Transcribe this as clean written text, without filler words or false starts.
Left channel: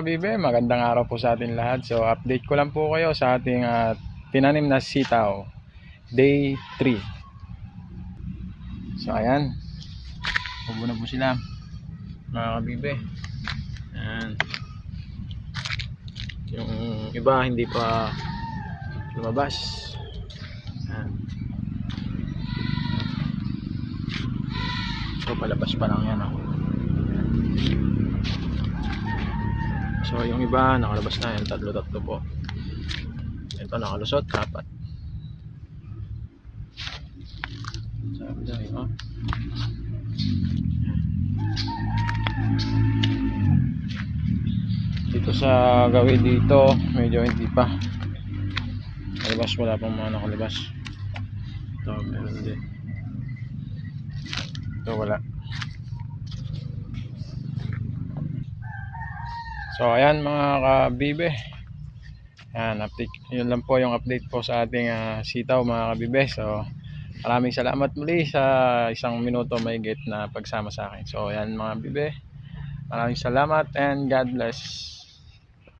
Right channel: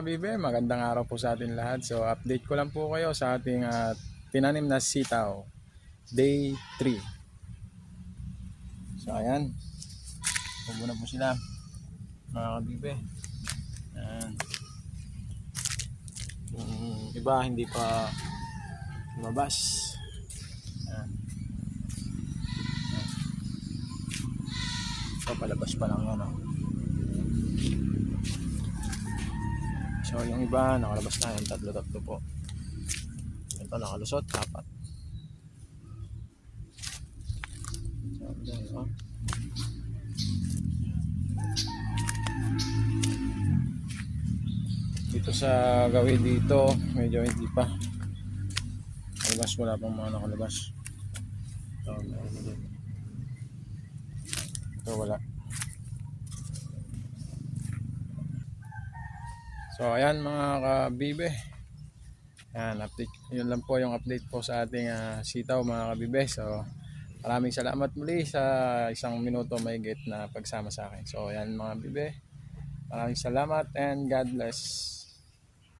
kabibe, magandang araw po sa atin lahat. So update ko lang po kayo sa ating tinanim na sitaw, day 3. So ayan, ubo na po sila mga kabibe. Ayan. Yung iba hindi pa lumabas. Ayan. So palabas pa lang yan. So yung iba nakalabas na yan, tatlo po. Ito nakalusot, 4. Sabi na yun, dito sa gawin dito medyo hindi pa nakalabas, wala pang mga nakalabas. Ito meron din, ito wala. So ayan mga kabibe, ayan, update, yun lang po yung update po sa ating sitaw mga kabibe. So maraming salamat muli sa 1 minuto mahigit na pagsama sa akin. So ayan mga kabibe, maraming salamat and God bless.